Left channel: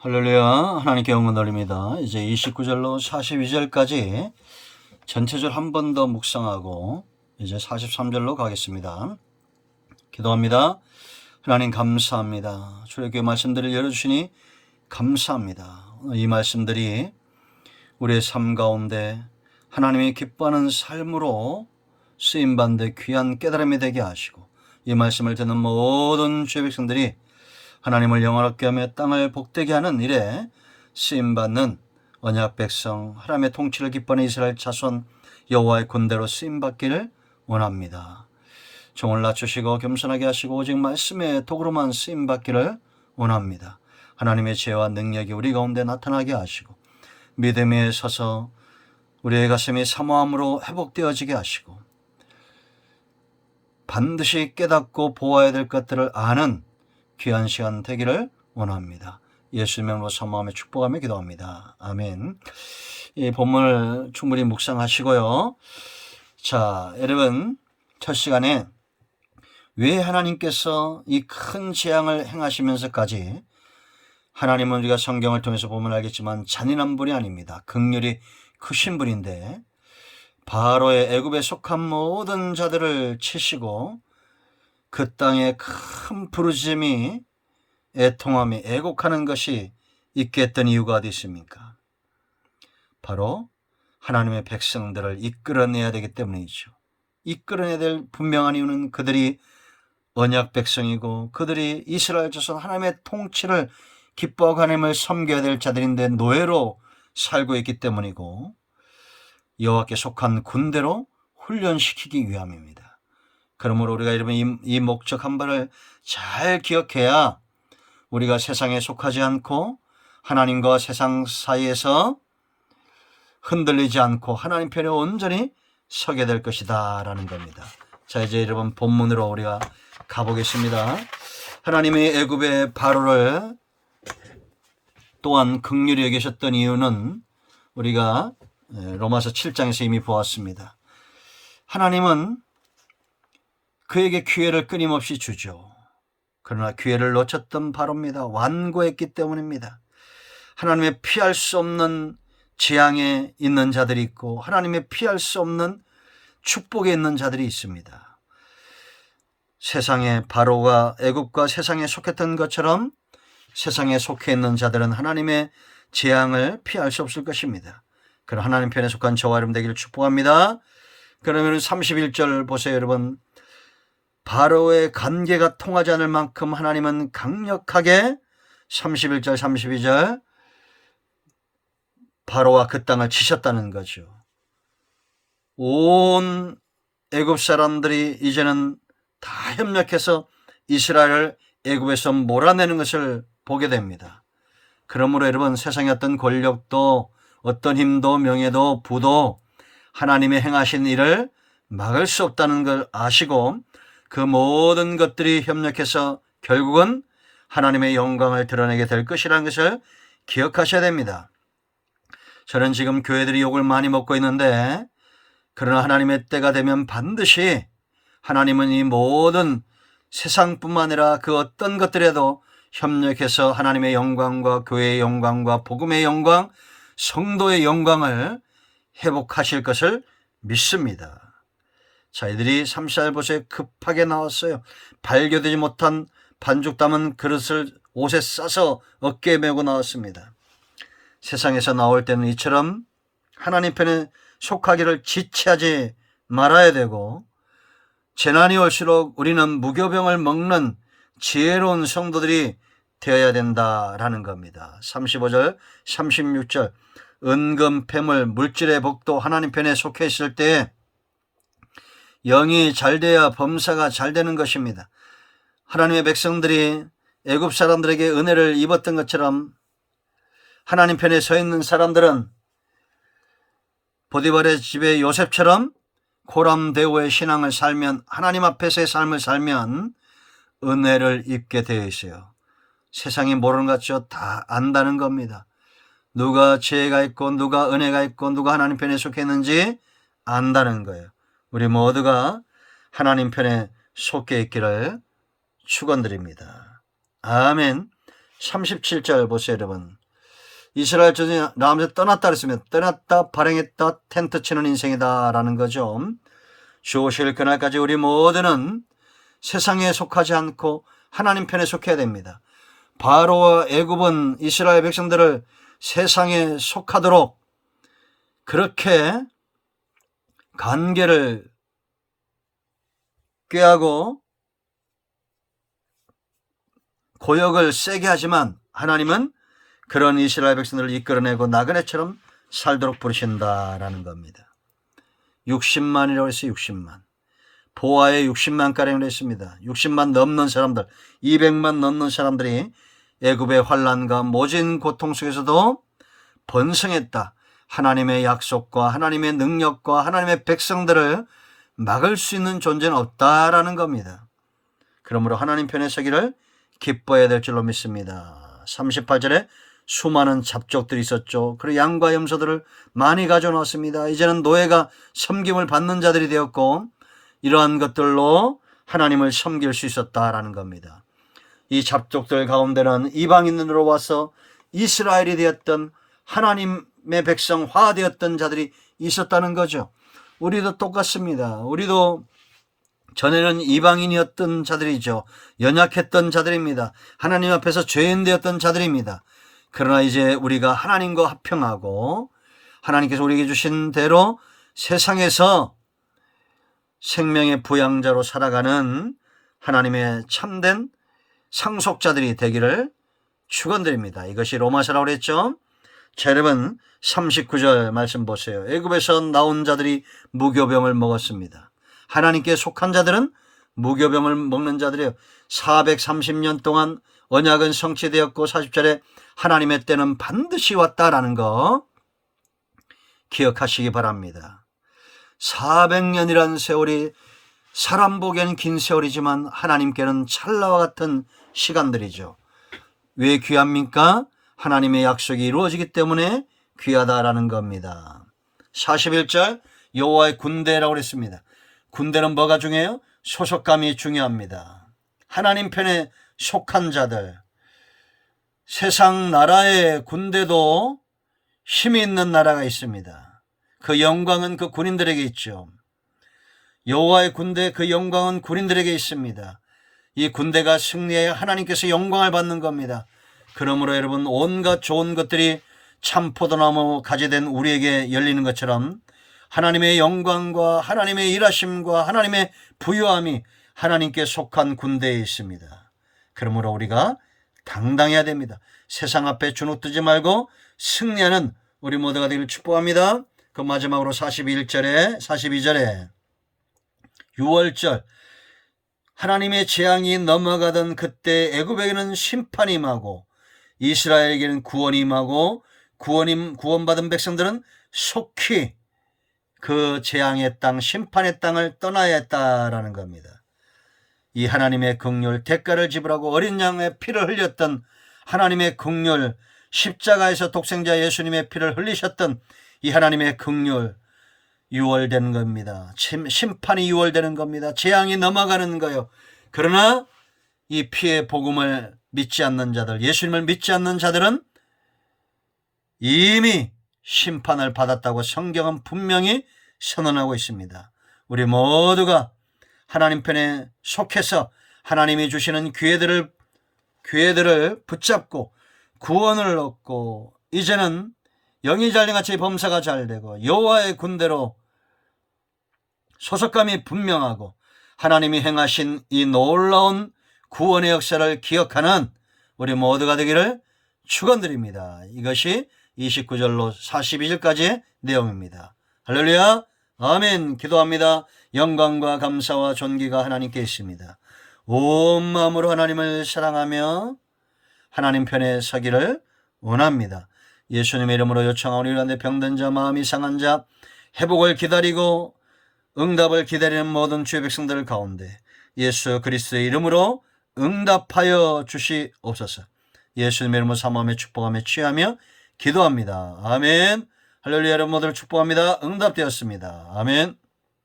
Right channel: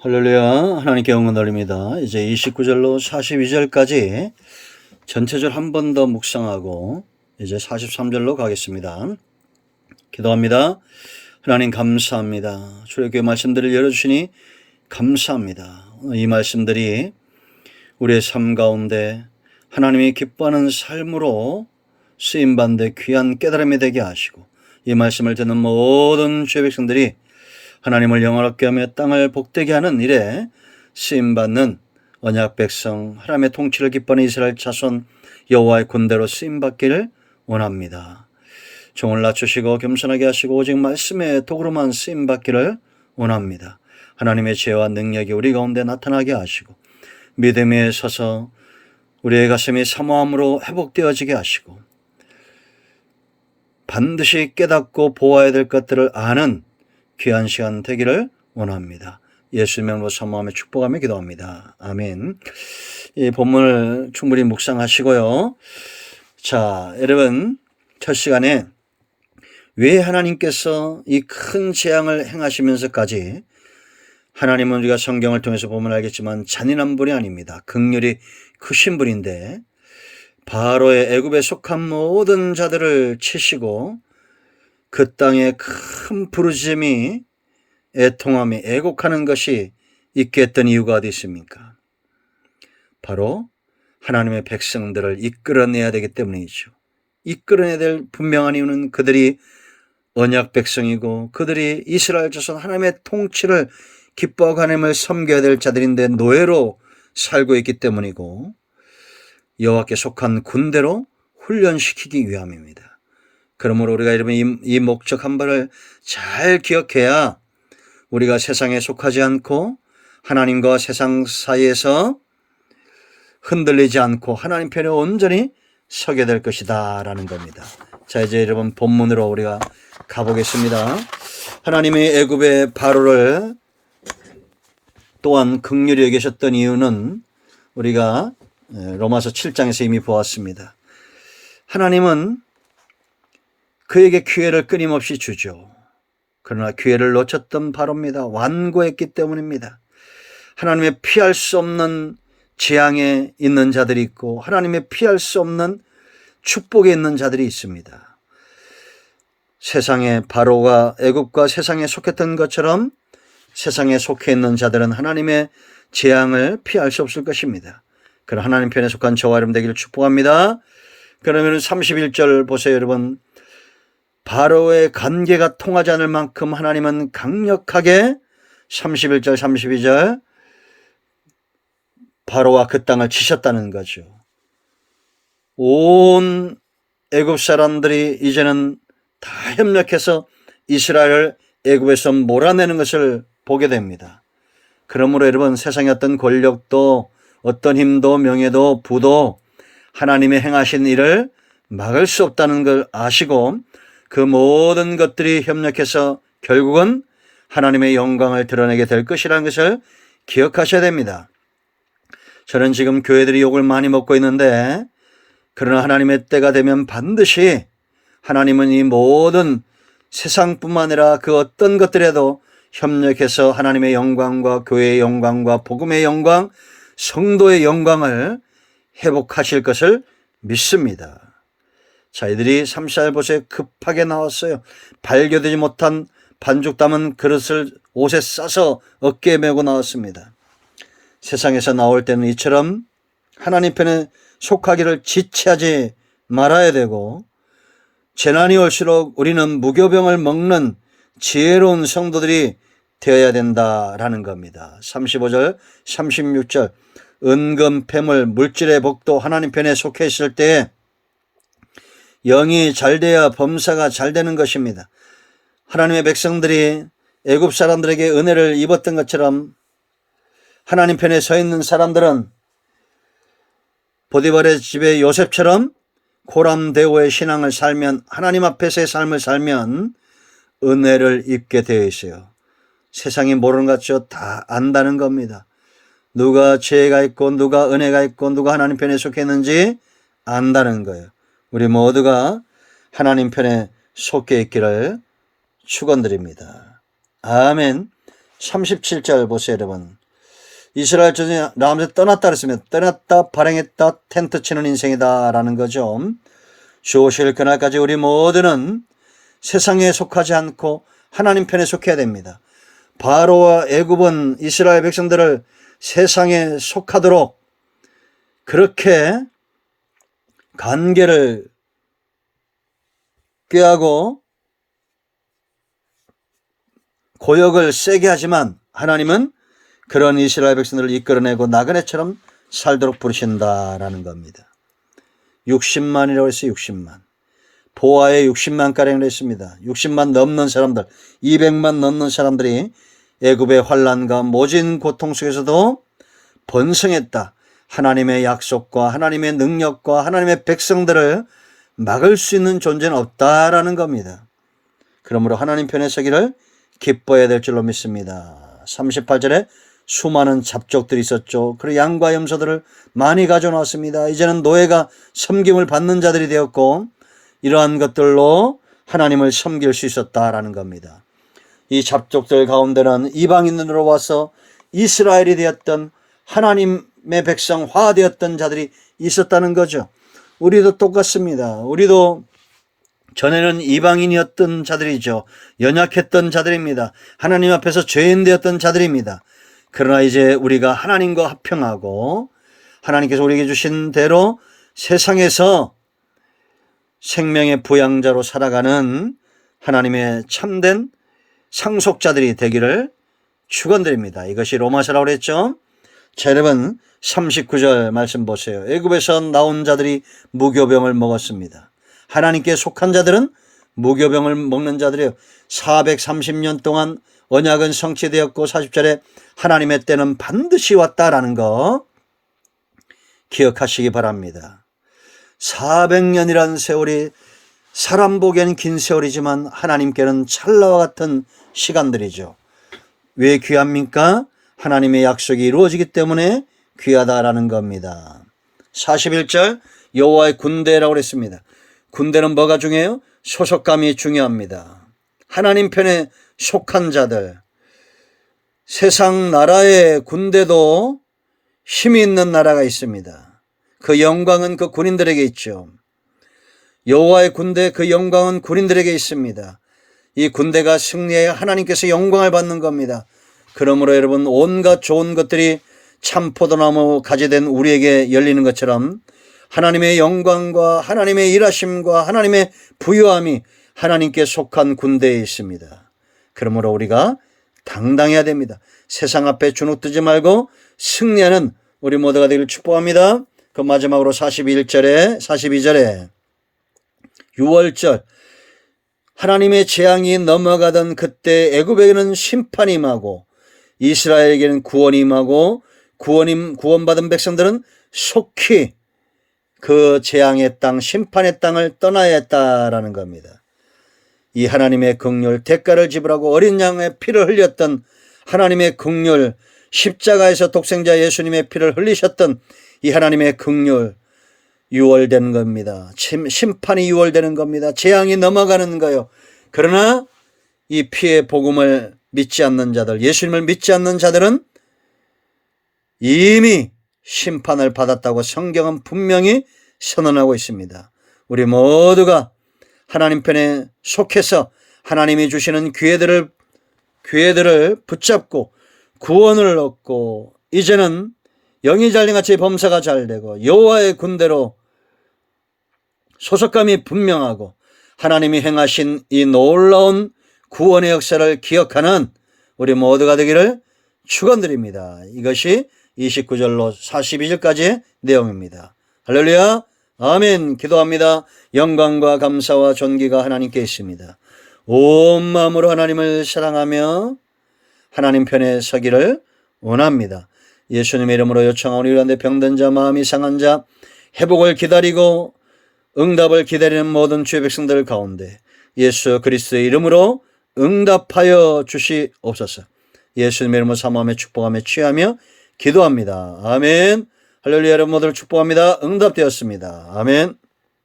할렐루야. 하나님께 영광 돌립니다. 이제 29절로 42절까지 전체절 한 번 더 묵상하고 이제 43절로 가겠습니다. 기도합니다. 하나님 감사합니다. 출애굽의 말씀들을 열어주시니 감사합니다. 이 말씀들이 우리의 삶 가운데 하나님이 기뻐하는 삶으로 쓰임받는 데 귀한 깨달음이 되게 하시고, 이 말씀을 듣는 모든 주의 백성들이 하나님을 영원하게 하며 땅을 복되게 하는 일에 쓰임받는 언약 백성, 하나님의 통치를 기뻐하는 이스라엘 자손 여호와의 군대로 쓰임받기를 원합니다. 종을 낮추시고 겸손하게 하시고 오직 말씀의 도구로만 쓰임받기를 원합니다. 하나님의 지혜와 능력이 우리 가운데 나타나게 하시고 믿음에 서서 우리의 가슴이 사모함으로 회복되어지게 하시고 반드시 깨닫고 보아야 될 것들을 아는 귀한 시간 되기를 원합니다. 예수 이름으로 사모하며 축복하며 기도합니다. 아멘. 이 본문을 충분히 묵상하시고요. 자, 여러분, 첫 시간에 왜 하나님께서 이 큰 재앙을 행하시면서까지, 하나님은 우리가 성경을 통해서 보면 알겠지만 잔인한 분이 아닙니다. 긍휼이 크신 분인데 바로의 애굽에 속한 모든 자들을 치시고 그 땅에 큰 부르짖음이, 애통함이, 애곡하는 것이 있게 했던 이유가 어디 있습니까? 바로 하나님의 백성들을 이끌어내야 되기 때문이죠. 이끌어내야 될 분명한 이유는 그들이 언약 백성이고 그들이 이스라엘 자손 하나님의 통치를 기뻐하고 하나님을 섬겨야 될 자들인데 노예로 살고 있기 때문이고, 여호와께 속한 군대로 훈련시키기 위함입니다. 그러므로 우리가 여러분 이 목적 한 바를 잘 기억해야 우리가 세상에 속하지 않고 하나님과 세상 사이에서 흔들리지 않고 하나님 편에 온전히 서게 될 것이다 라는 겁니다. 자, 이제 여러분 본문으로 우리가 가보겠습니다. 하나님이 애굽의 바로를 또한 긍휼히 여기셨던 이유는 우리가 로마서 7장에서 이미 보았습니다. 하나님은 그에게 기회를 끊임없이 주죠. 그러나 기회를 놓쳤던 바로입니다. 완고했기 때문입니다. 하나님의 피할 수 없는 재앙에 있는 자들이 있고 하나님의 피할 수 없는 축복에 있는 자들이 있습니다. 세상에 바로가 애굽과 세상에 속했던 것처럼 세상에 속해 있는 자들은 하나님의 재앙을 피할 수 없을 것입니다. 그러나 하나님 편에 속한 저와 여러분 되기를 축복합니다. 그러면 31절 보세요, 여러분. 바로의 관계가 통하지 않을 만큼 하나님은 강력하게 31절 32절 바로와 그 땅을 치셨다는 거죠. 온 애굽 사람들이 이제는 다 협력해서 이스라엘을 애굽에서 몰아내는 것을 보게 됩니다. 그러므로 여러분, 세상의 어떤 권력도 어떤 힘도 명예도 부도 하나님의 행하신 일을 막을 수 없다는 걸 아시고 그 모든 것들이 협력해서 결국은 하나님의 영광을 드러내게 될 것이라는 것을 기억하셔야 됩니다. 저는 지금 교회들이 욕을 많이 먹고 있는데, 그러나 하나님의 때가 되면 반드시 하나님은 이 모든 세상뿐만 아니라 그 어떤 것들에도 협력해서 하나님의 영광과 교회의 영광과 복음의 영광, 성도의 영광을 회복하실 것을 믿습니다. 자, 이들이 34절 보세요. 급하게 나왔어요. 발교되지 못한 반죽 담은 그릇을 옷에 싸서 어깨에 메고 나왔습니다. 세상에서 나올 때는 이처럼 하나님 편에 속하기를 지체하지 말아야 되고, 재난이 올수록 우리는 무교병을 먹는 지혜로운 성도들이 되어야 된다라는 겁니다. 35절 36절 은금, 폐물, 물질의 복도 하나님 편에 속해 있을 때 영이 잘 돼야 범사가 잘 되는 것입니다. 하나님의 백성들이 애굽 사람들에게 은혜를 입었던 것처럼 하나님 편에 서 있는 사람들은 보디발의 집에 요셉처럼 고람대오의 신앙을 살면, 하나님 앞에서의 삶을 살면 은혜를 입게 되어 있어요. 세상이 모르는 것 같죠? 다 안다는 겁니다. 누가 지혜가 있고 누가 은혜가 있고 누가 하나님 편에 속해 있는지 안다는 거예요. 우리 모두가 하나님 편에 속해 있기를 축원드립니다. 아멘. 37절 보세요, 여러분. 이스라엘 전에 라암에서 떠났다 그랬으면 떠났다, 발행했다, 텐트 치는 인생이다라는 거죠. 주 오실 그날까지 우리 모두는 세상에 속하지 않고 하나님 편에 속해야 됩니다. 바로와 애굽은 이스라엘 백성들을 세상에 속하도록 그렇게 관계를 꾀하고 고역을 세게 하지만 하나님은 그런 이스라엘 백성들을 이끌어내고 나그네처럼 살도록 부르신다라는 겁니다. 60만이라고 했어요. 60만. 보아에 60만가량을 했습니다. 60만 넘는 사람들, 200만 넘는 사람들이 애굽의 환난과 모진 고통 속에서도 번성했다. 하나님의 약속과 하나님의 능력과 하나님의 백성들을 막을 수 있는 존재는 없다라는 겁니다. 그러므로 하나님 편에 서기를 기뻐해야 될 줄로 믿습니다. 38절에 수많은 잡족들이 있었죠. 그리고 양과 염소들을 많이 가져놓았습니다. 이제는 노예가 섬김을 받는 자들이 되었고 이러한 것들로 하나님을 섬길 수 있었다라는 겁니다. 이 잡족들 가운데는 이방인으로 와서 이스라엘이 되었던 하나님의 백성화 되었던 자들이 있었다는 거죠. 우리도 똑같습니다. 우리도 전에는 이방인이었던 자들이죠. 연약했던 자들입니다. 하나님 앞에서 죄인 되었던 자들입니다. 그러나 이제 우리가 하나님과 합평하고 하나님께서 우리에게 주신 대로 세상에서 생명의 부양자로 살아가는 하나님의 참된 상속자들이 되기를 축원드립니다. 이것이 로마서라고 그랬죠. 자, 여러분 39절 말씀 보세요. 애굽에서 나온 자들이 무교병을 먹었습니다. 하나님께 속한 자들은 무교병을 먹는 자들이에요. 430년 동안 언약은 성취되었고 40절에 하나님의 때는 반드시 왔다라는 거 기억하시기 바랍니다. 400년이라는 세월이 사람 보기에는 긴 세월이지만 하나님께는 찰나와 같은 시간들이죠. 왜 귀합니까? 하나님의 약속이 이루어지기 때문에 귀하다라는 겁니다. 41절 여호와의 군대라고 그랬습니다. 군대는 뭐가 중요해요? 소속감이 중요합니다. 하나님 편에 속한 자들, 세상 나라의 군대도 힘이 있는 나라가 있습니다. 그 영광은 그 군인들에게 있죠. 여호와의 군대, 그 영광은 군인들에게 있습니다. 이 군대가 승리해야 하나님께서 영광을 받는 겁니다. 그러므로 여러분 온갖 좋은 것들이 참포도나무 가지된 우리에게 열리는 것처럼 하나님의 영광과 하나님의 일하심과 하나님의 부유함이 하나님께 속한 군대에 있습니다. 그러므로 우리가 당당해야 됩니다. 세상 앞에 주눅들지 말고 승리하는 우리 모두가 되기를 축복합니다. 그 마지막으로 42절에 6월절 하나님의 재앙이 넘어가던 그때 애굽에게는 심판이 임하고 이스라엘에게는 구원이 임하고 구원받은 백성들은 속히 그 재앙의 땅, 심판의 땅을 떠나야 했다라는 겁니다. 이 하나님의 긍휼, 대가를 지불하고 어린 양의 피를 흘렸던 하나님의 긍휼, 십자가에서 독생자 예수님의 피를 흘리셨던 이 하나님의 긍휼 유월되는 겁니다. 심판이 유월되는 겁니다. 재앙이 넘어가는 거요. 그러나 이 피의 복음을 믿지 않는 자들, 예수님을 믿지 않는 자들은 이미 심판을 받았다고 성경은 분명히 선언하고 있습니다. 우리 모두가 하나님 편에 속해서 하나님이 주시는 기회들을 붙잡고 구원을 얻고 이제는 영이 잘린같이 범사가 잘되고 여호와의 군대로 소속감이 분명하고 하나님이 행하신 이 놀라운 구원의 역사를 기억하는 우리 모두가 되기를 축원드립니다. 이것이 29절로 42절까지의 내용입니다. 할렐루야, 아멘. 기도합니다. 영광과 감사와 존귀가 하나님께 있습니다. 온 마음으로 하나님을 사랑하며 하나님 편에 서기를 원합니다. 예수님의 이름으로 요청하오니 이런데 병든 자, 마음이 상한 자, 회복을 기다리고 응답을 기다리는 모든 주의 백성들 가운데 예수 그리스도의 이름으로 응답하여 주시옵소서. 예수님의 이름으로 사모하며 축복하며 취하며 기도합니다. 아멘. 할렐루야. 여러분 모두를 축복합니다. 응답되었습니다. 아멘.